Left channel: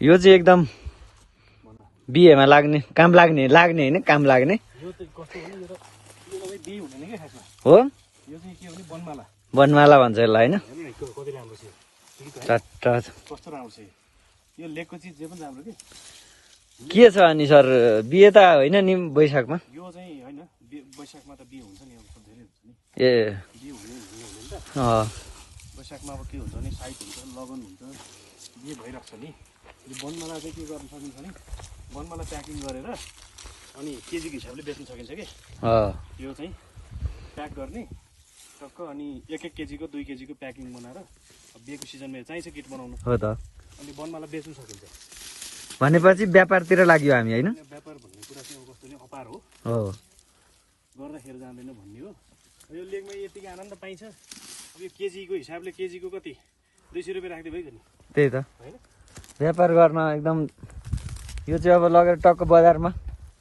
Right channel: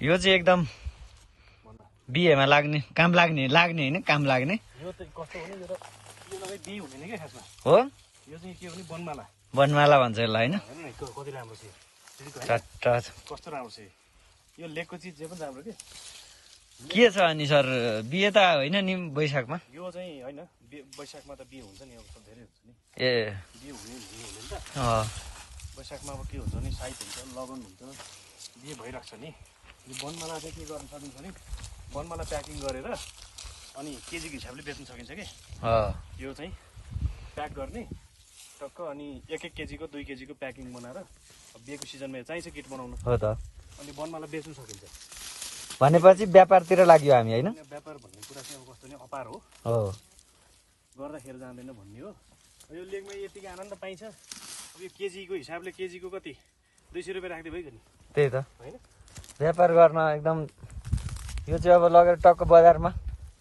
यो चाहिँ एकदम बिहेमा लाग्ने काम लाग्ने होइन काम लाग्ने यो चाहिँ कस्तो हो नि यो तपाईँ बिहे हुँदैन क्या खासमा हो। यो चाहिँ के हो भने बनमाला बनमाला भन्छ यसलाई होइन। हेर्नु न कति राम्रो छ कस्तो राम्रो छ यो लेखको चिज जे पनि राम्रो के छ अनि सर बिहे त होइन नि वैशाखमा? यो चाहिँ होइन वैशाखमा त बिहे हुन्छ नि अब धेरै हुन्छ नि ए बिहे हुने नि त वैशाखमा अब के हुन्छ नि साइत हुन्छ लगन हुन्छ बिहे भइरहेको छ नि यो बनमाला चाहिँ के गर्न सकिन्छ भने बनमाला प्याकिङ गरेर अनि केजीको हिसाबले बेच्न सकिन्छ कि यो चाहिँ प्याक गर्ने टक्क अनि 1-1 केजीको 2 केजीको प्याकिङ बनाएर बिहेको सिजनमा चाहिन्छ किट बनाउनु हो त। अनि बनमाला बेच्न सकिन्छ भनेपछि व्यापारतिर लाग्यो हामी होइन। व्यापार भन्ने कुरा चाहिँ अब कस्तो नि अपार हो गर्दाखेरि जाँदैन भन्ने हो। यो लेखमा यतिकै आनन्द पाइन्छ अब यो केजीको हिसाबले केजीको कति 200 रुपियाँ राख्दै भइगयो नि त्यही त होइन व्यापार गर्न एकदम यो चाहिँ अब लगेर टक्क बजारमा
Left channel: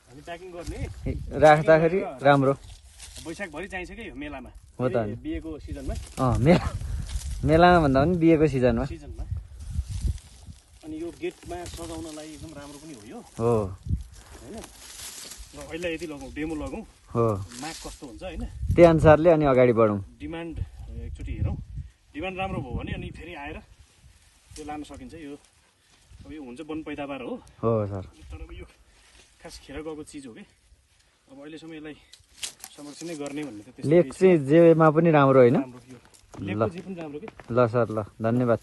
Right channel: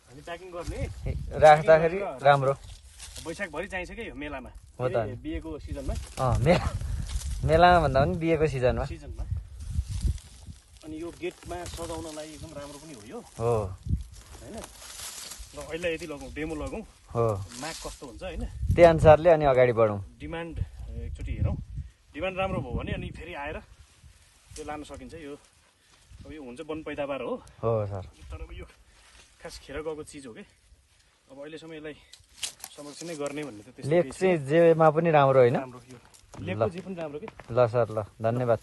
अनि प्याकिङ गर्ने राख्दाखेरि राम्रो वैशाखभरि चाहिन्छ कि यो मेलामा बिहेको सिजनमा मेलामा भन्दा पनि बिहेको सिजनमा अनि यो गेटमा सजाउनलाई एकदम राम्रो पनि हो यो होइन। ल अहिले यति लगाउँ डेमो लगाउँ माग कस्तो हुन्छ होइन त्यही अनुसारले अनि अगाडि बढौँ। डिमान्ड एकचोटि हेरौँ डिमान्ड राम्रो भयो भने अनि फेरि आएर त्यो लान सकिन्छ। यो अब यो हुन्छ वन पैदावार हो सर तर अब यो खास खेर गएको चिज हो कि अब अहिलेसम्म यसलाई संरक्षण नै गर्ने भन्ने त लेख चाहिँ जेमा पनि राम्रो होइन। राम्रो यो लेखको जे पनि राम्रो कि ल सर ल धन्यवाद।